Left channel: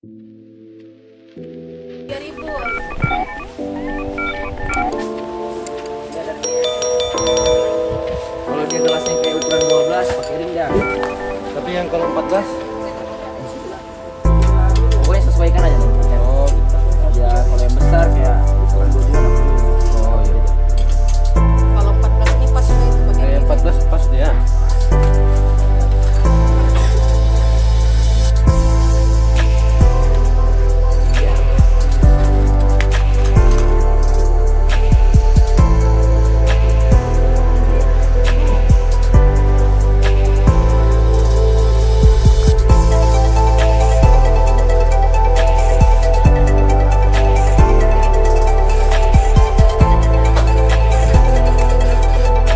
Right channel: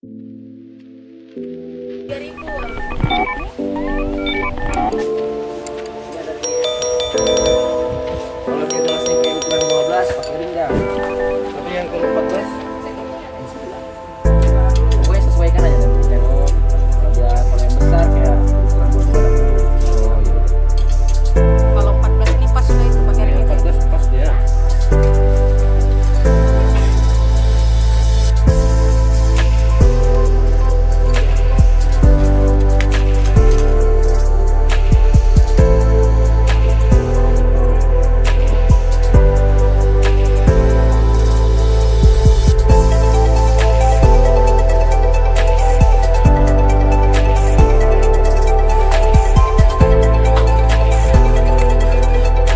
3.000. Kalau dia gelasnya kayak ukuran 12 pakai ring dah. Tapi yang kalau 14 Pokoknya sesuaikan aja nanti. Kalau yang besar kayak ukuran 22 enggak perlu. oh iya. Kalau 14 ini pas juga itu pakai Yang ini. 14 pas dia.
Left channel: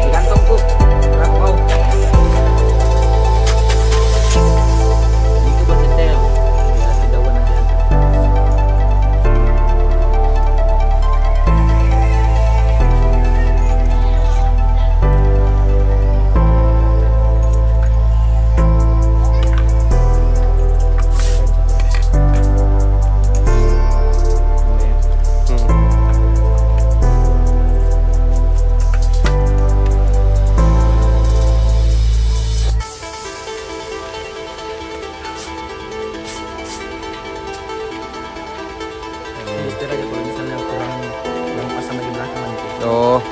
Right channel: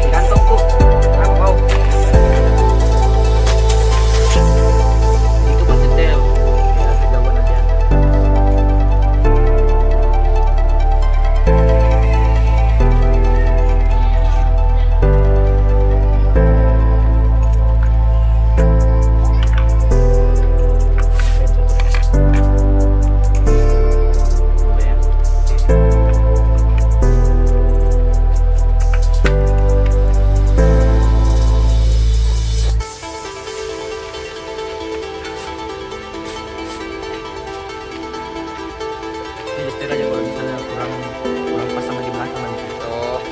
Digantungku. Kenapa kau? Ini tuh buat detail. Ya kejauhan nanti ada. Dua ya. Ini setir aja kalau misalnya kurang pas sama di belakang nanti. Oh.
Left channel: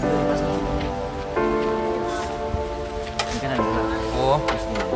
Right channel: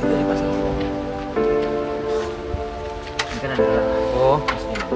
Itu dipasang sini. Ini kan ada lah. Oh. Bismillah.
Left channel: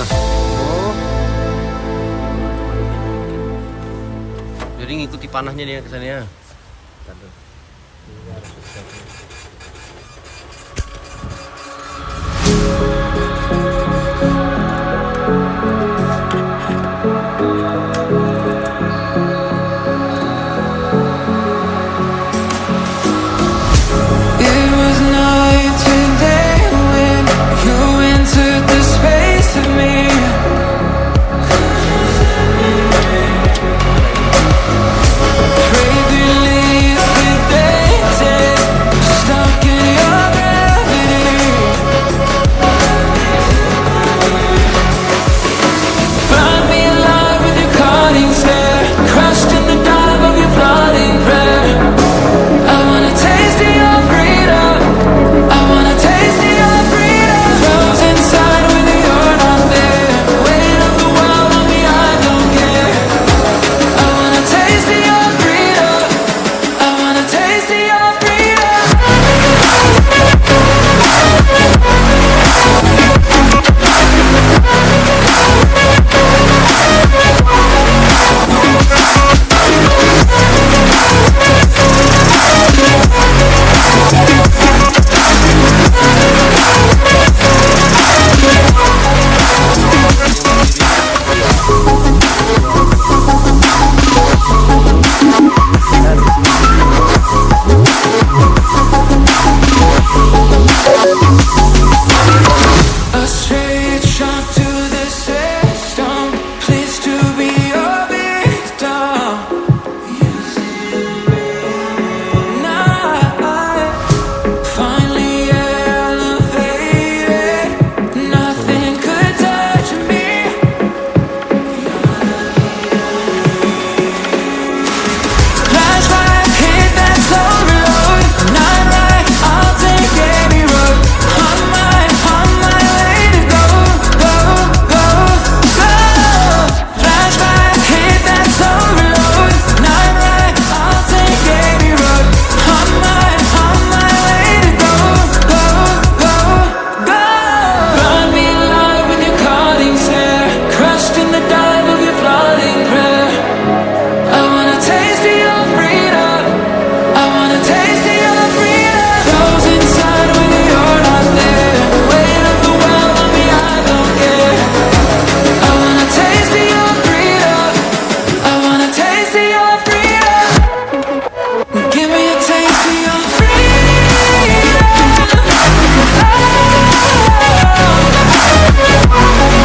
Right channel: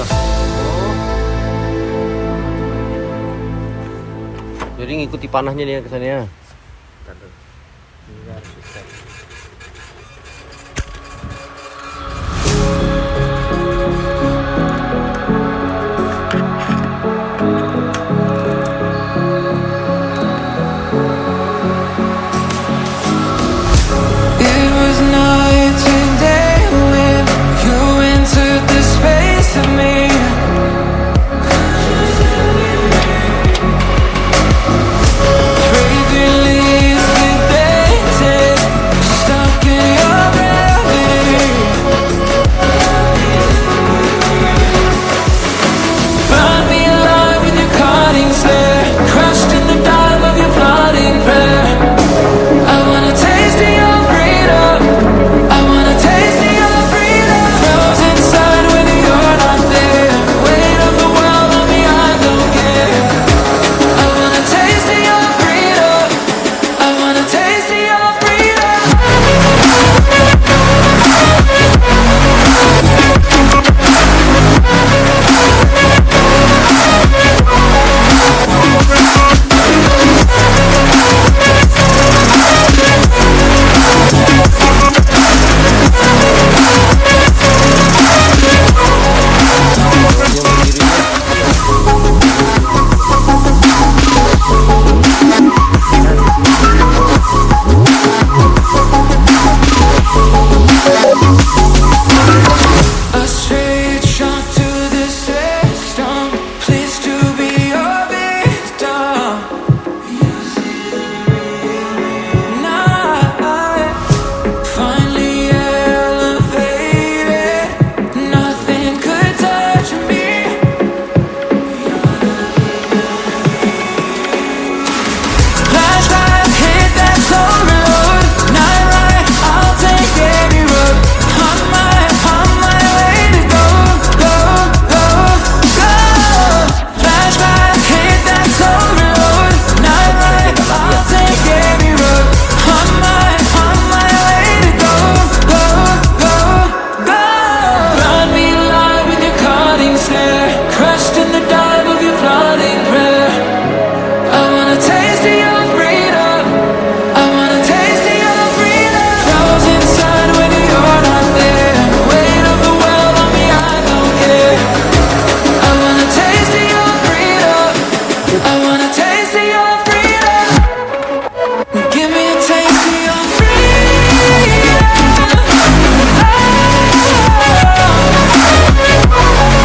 lah. Oh. Jadi ngikuti panahnya nih ya kesannya. It was night and day when you entered the space of me. Fragrant leaves debated, stuck in your gravity. Burn me alive with your cutting stare, crushed in the dive of your flooding prayer. I wanna taste of your freedom. I wanna taste of your freedom. Froze inside when you're not there. Weight of the world on me, I don't care. I wanna taste of your freedom. I wanna taste of your freedom. A straight shot to the system. Pleased to be your victim. Now I finally elevated. Nothing could touch me. Flashlights hit that slow reload. Night ride, I'll take any road. On my way to go, go, go, go. Flashlights hit that slow reload. Night ride, I'll take any road. On my way to go, go, go, go. Burn me alive with your cutting stare, crushed in the dive of your flooding prayer. I wanna taste of your freedom. I wanna taste of your freedom. Froze inside when you're not there. Weight of the world on me, I don't care. I wanna taste of your freedom. I wanna taste of your freedom. Give me a taste of your freedom.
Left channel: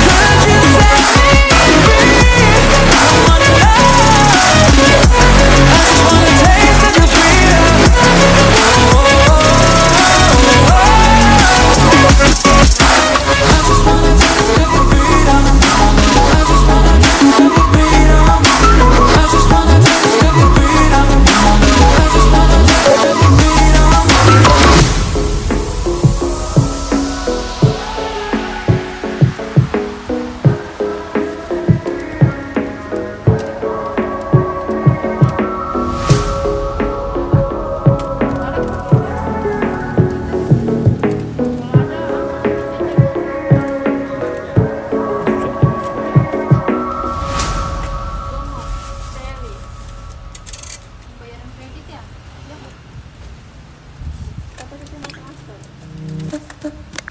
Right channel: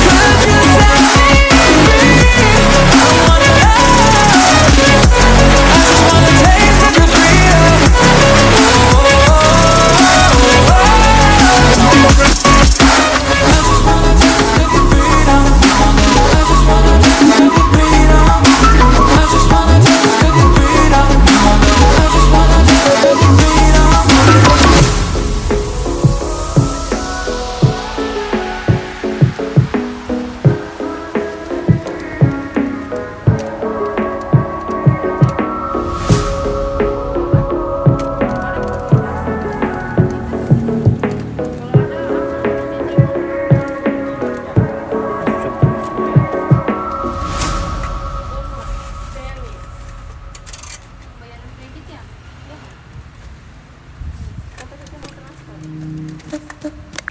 Could you set me free? I wanna know. I just wanna taste of your freedom. I just wanna taste of your freedom. I just wanna taste of your freedom. I just wanna taste of your freedom. I just wanna taste of your freedom.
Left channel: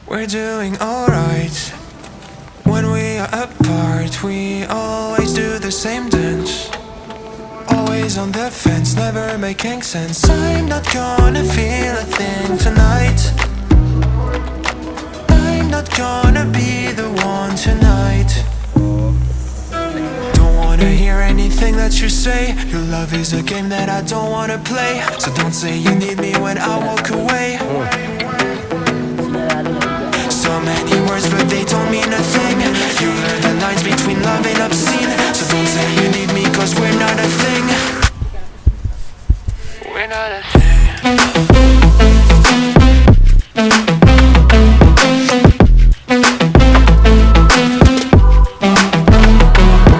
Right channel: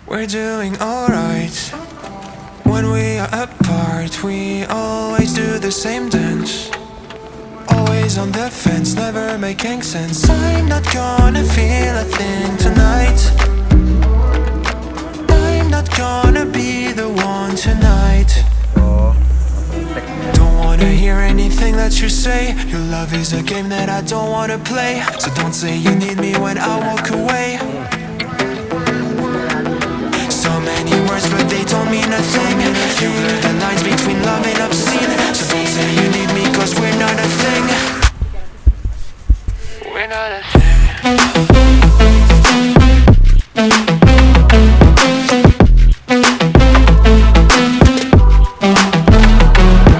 We're doing alright. When we are apart, we always do the same dance. Always on the fence, never making sense. I'm not gonna feel a thing tonight. I'm not gonna be the one tonight. Don't wanna hear anything that you say. Your love is a game that I don't wanna play. So don't say you need me when I walk away. So many words but they don't mean a thing. You blur the lines between love and obscene. So don't say you need me cause we're not a thing. We're not a thing.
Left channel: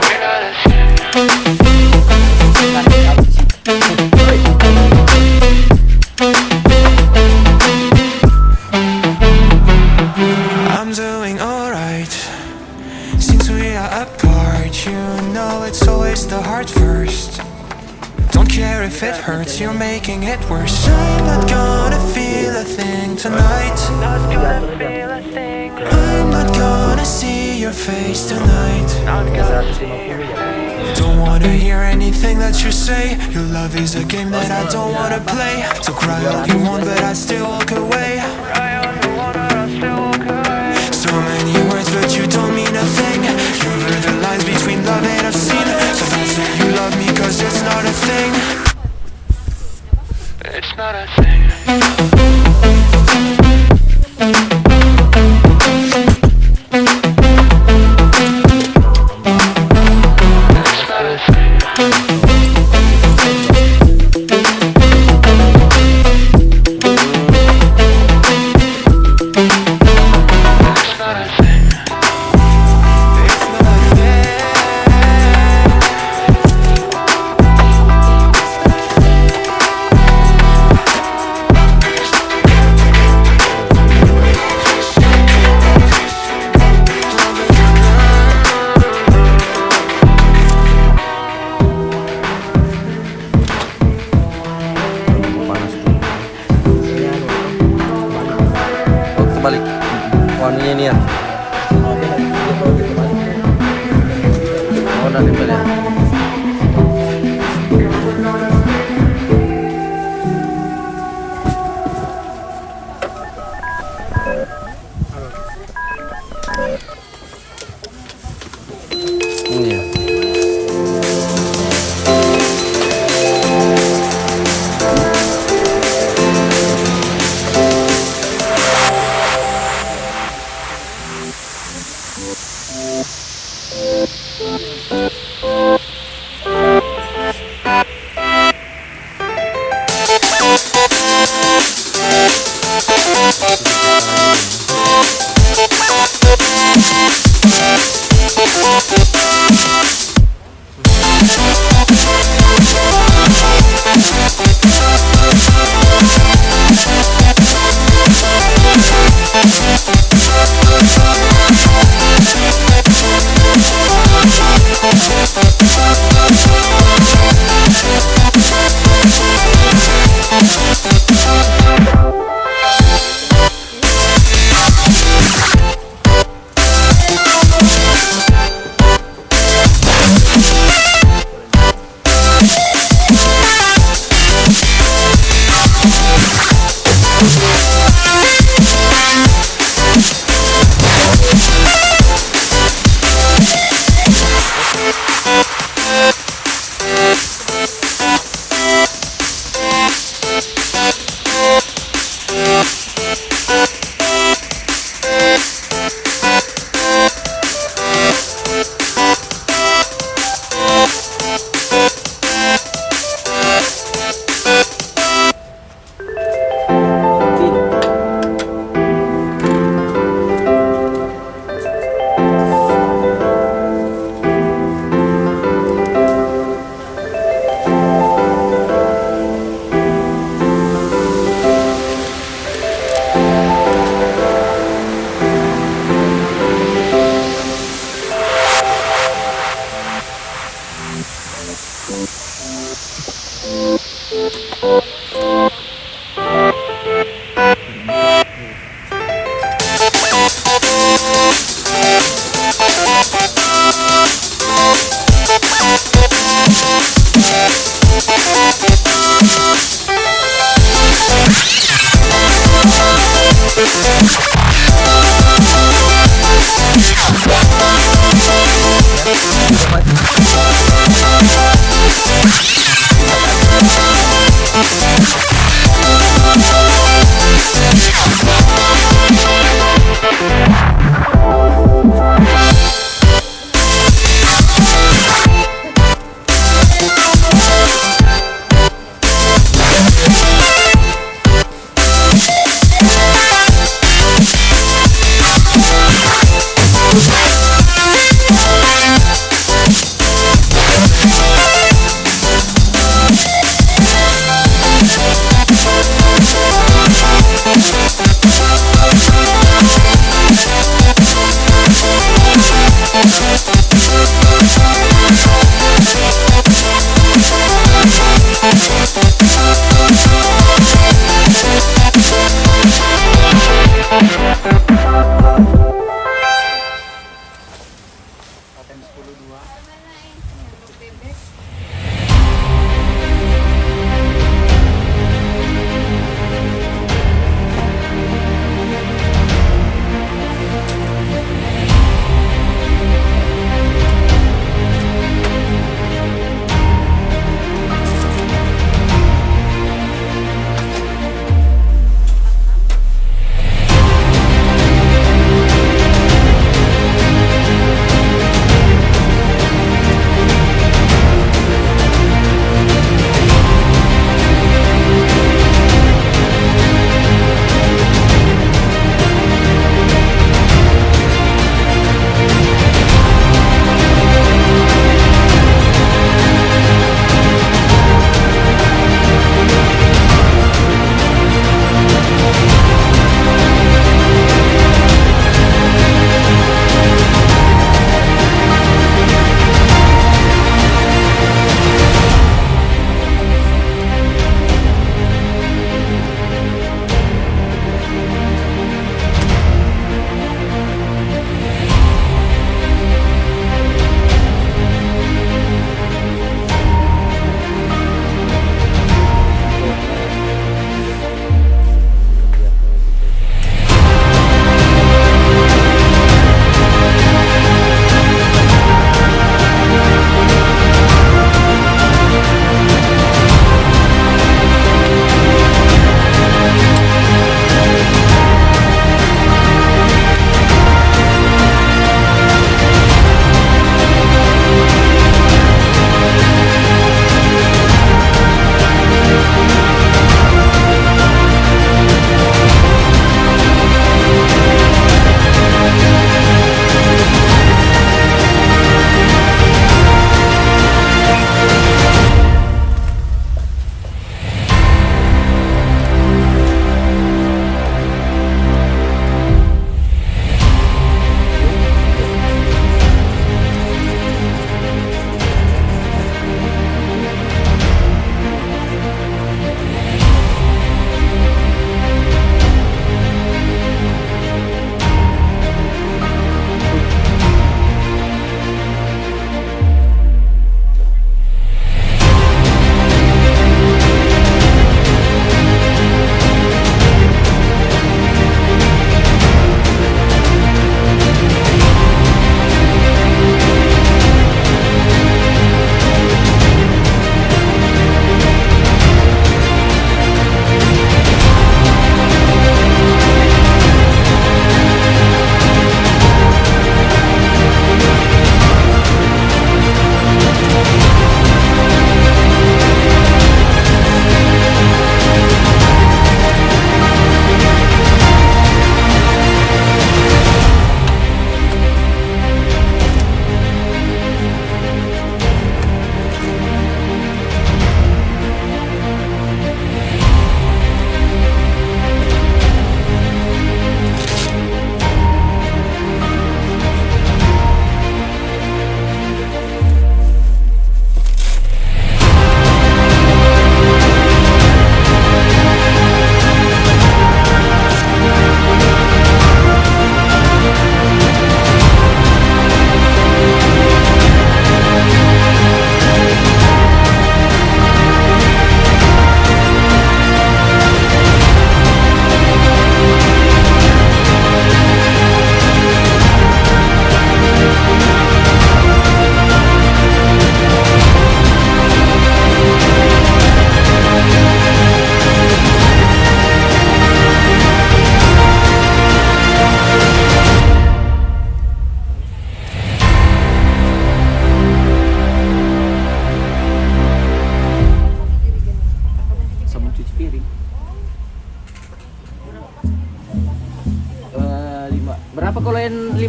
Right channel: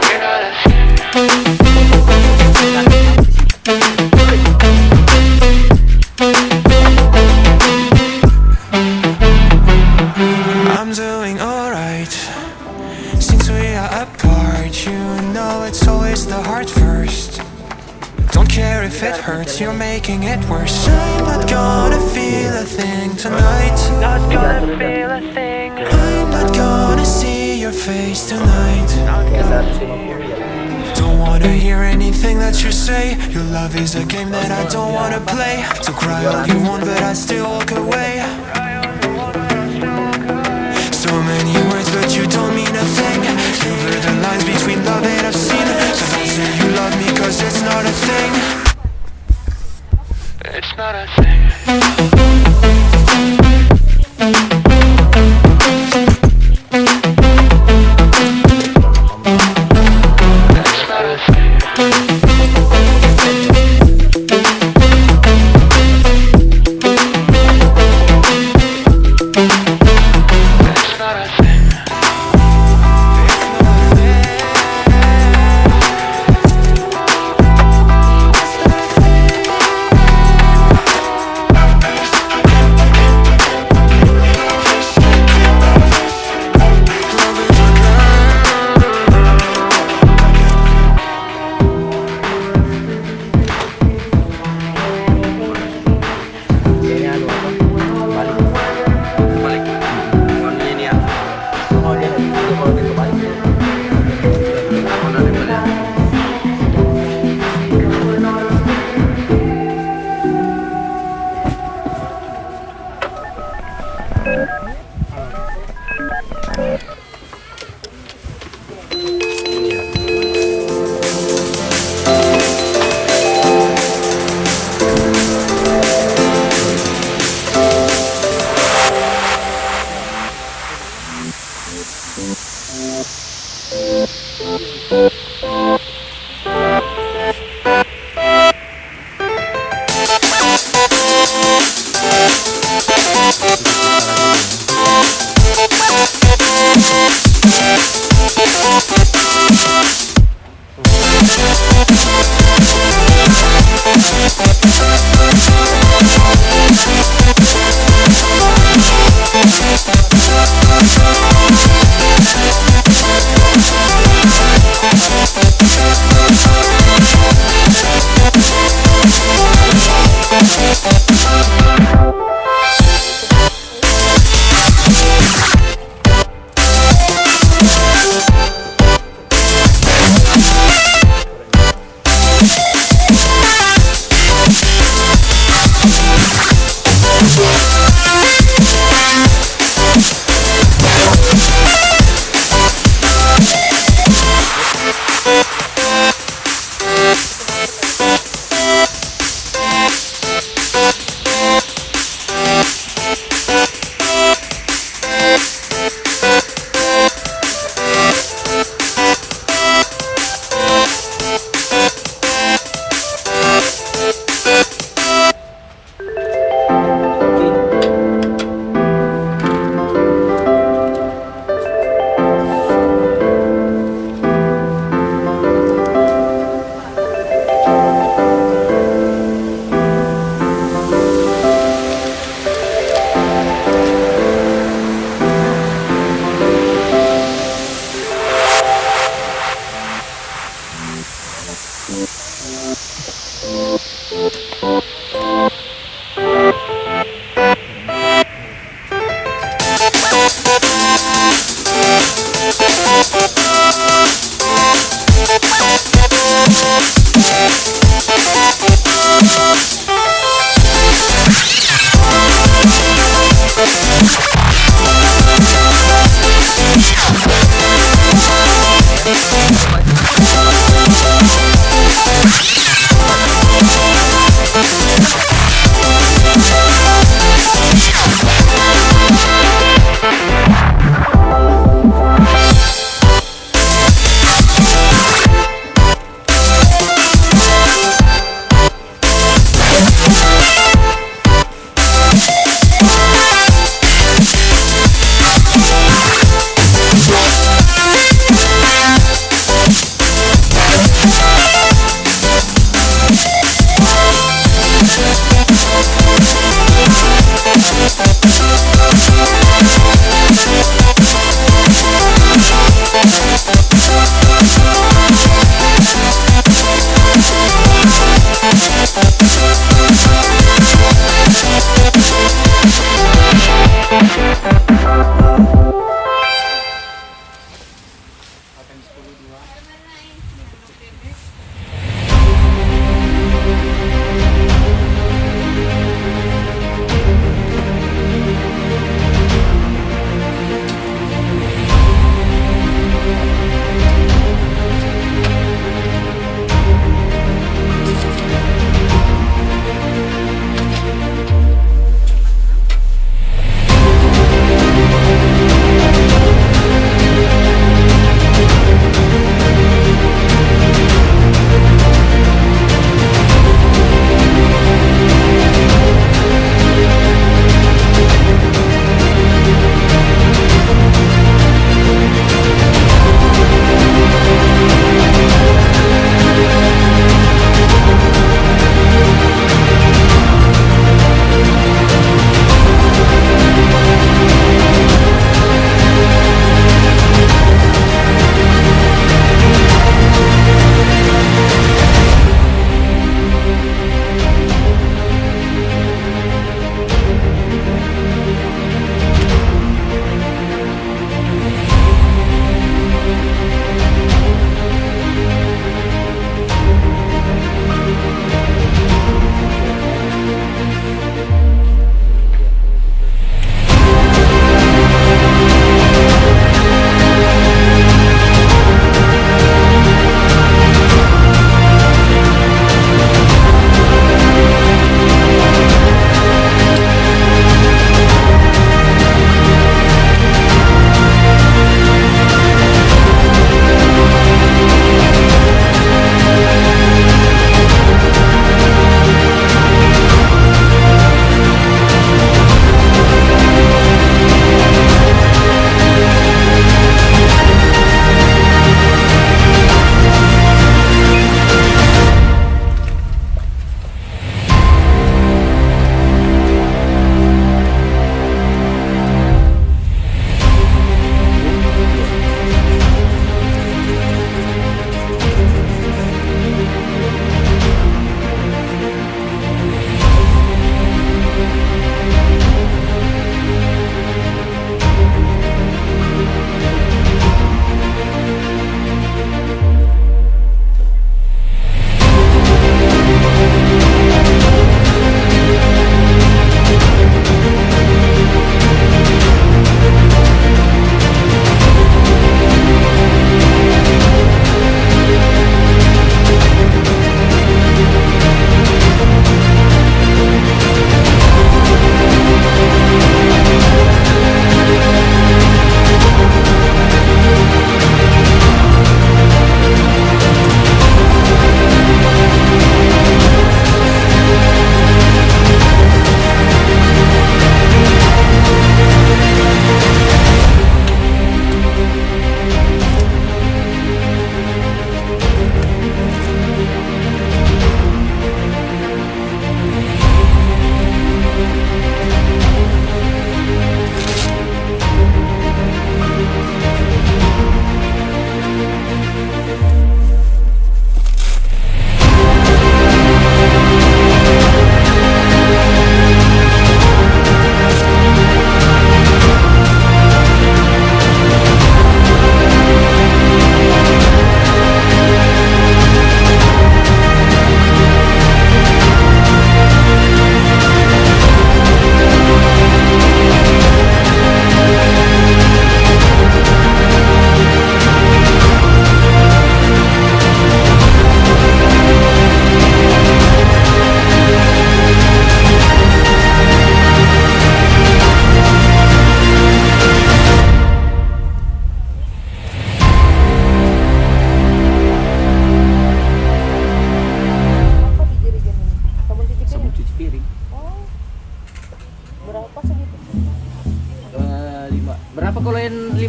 We're not a thing. I'm doing alright. Since we are apart, you know it's always the heart first. Don't care if it hurts, you're making it worse. I'm not gonna feel a thing tonight. Not gonna feel a thing. I'm not gonna see your face tonight. Not gonna see your face. Don't wanna hear anything that you say. Your love is a game that I don't wanna play. So cry all you want, but I still walk away. So many words, but you don't mean a thing. You blur the lines between love and obscene. So don't say you love me, cause it's not a thing. It's not a thing. Balik warnanya ini ya. Oh, dari balik.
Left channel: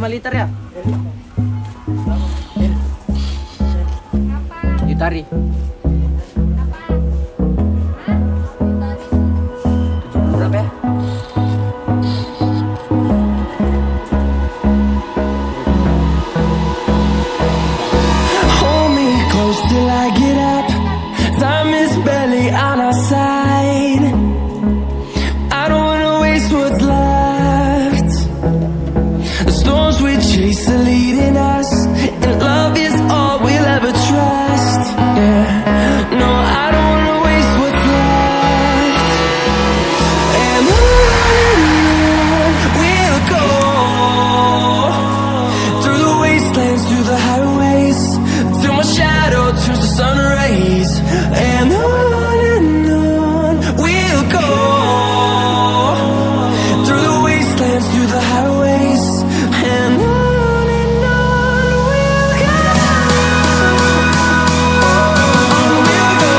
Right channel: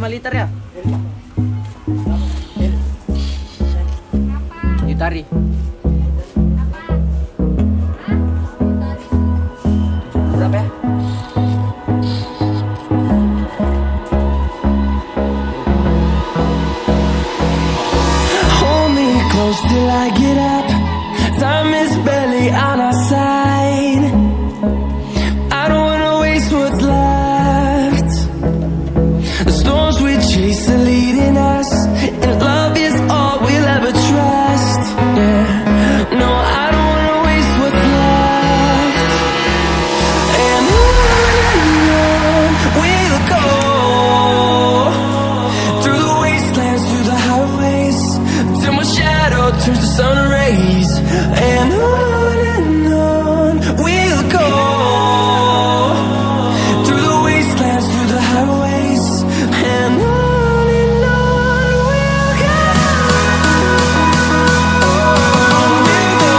5 liter ya? Ditari. Berapa ya? Hold me close till I get up. Time is barely on our side. I don't wanna waste what's left. The storms we chase are leading us, and love is all we'll ever trust. Yeah, no, I don't wanna waste what's left. And on we'll go, through the wastelands, through the highways, till my shadow turns to sun rays. And on we'll go, through the wastelands, through the highways, and on we'll go. On we'll go.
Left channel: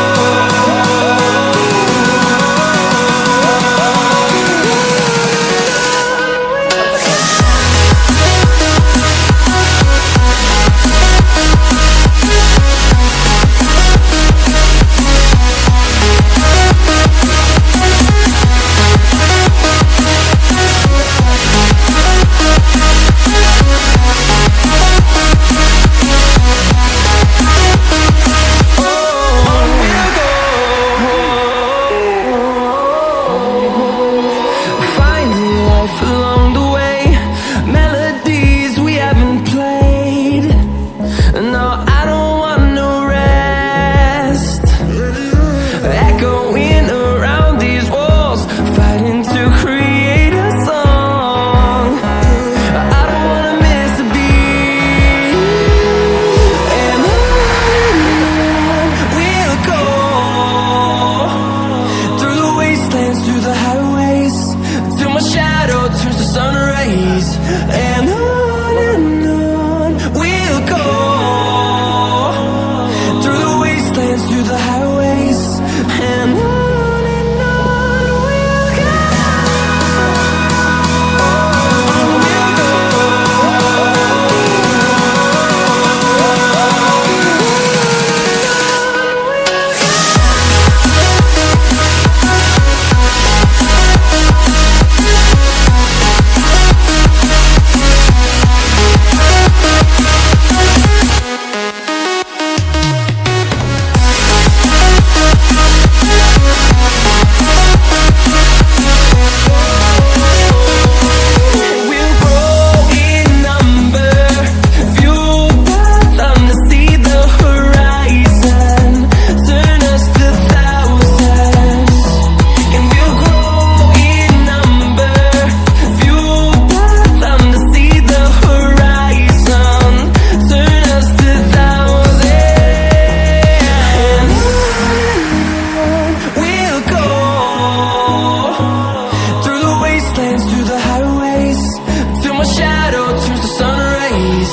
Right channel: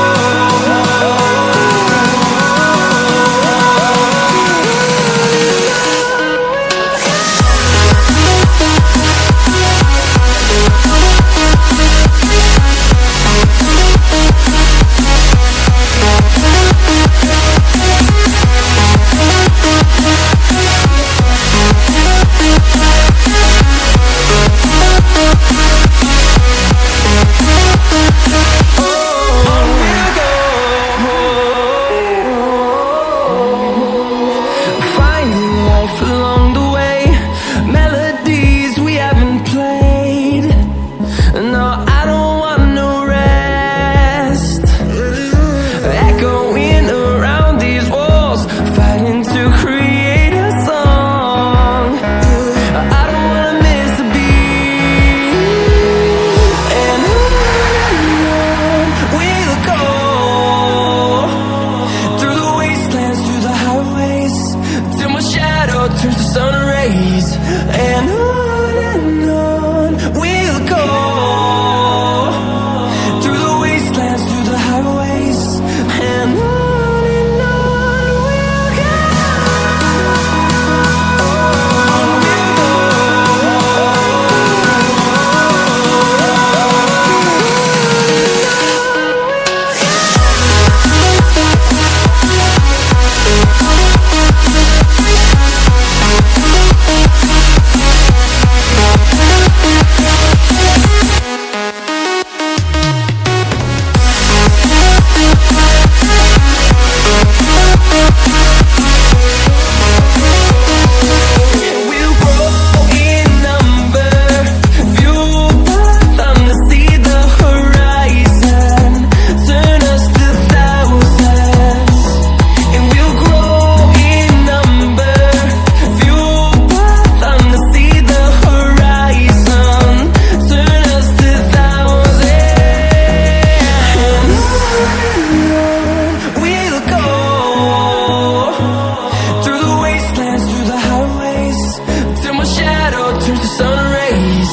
On we'll go. Finding life along the way, melodies we haven't played. No, I don't want no rest. Echoing around these walls, fighting to create a song. I don't wanna miss a beat. And on we'll go, through the wastelands, through the highways, till my shadow turns to sun rays. And on we'll go, through the wastelands, through the highways, and on we'll go. On we'll go. We'll grow in number, fueled by them to see the horizon, turn us to thousands. And we'll grow in number, fueled by them to see the horizon, turn us to thousands. And on we'll go, through the wastelands, through the highways, till my shadow turns to sun rays.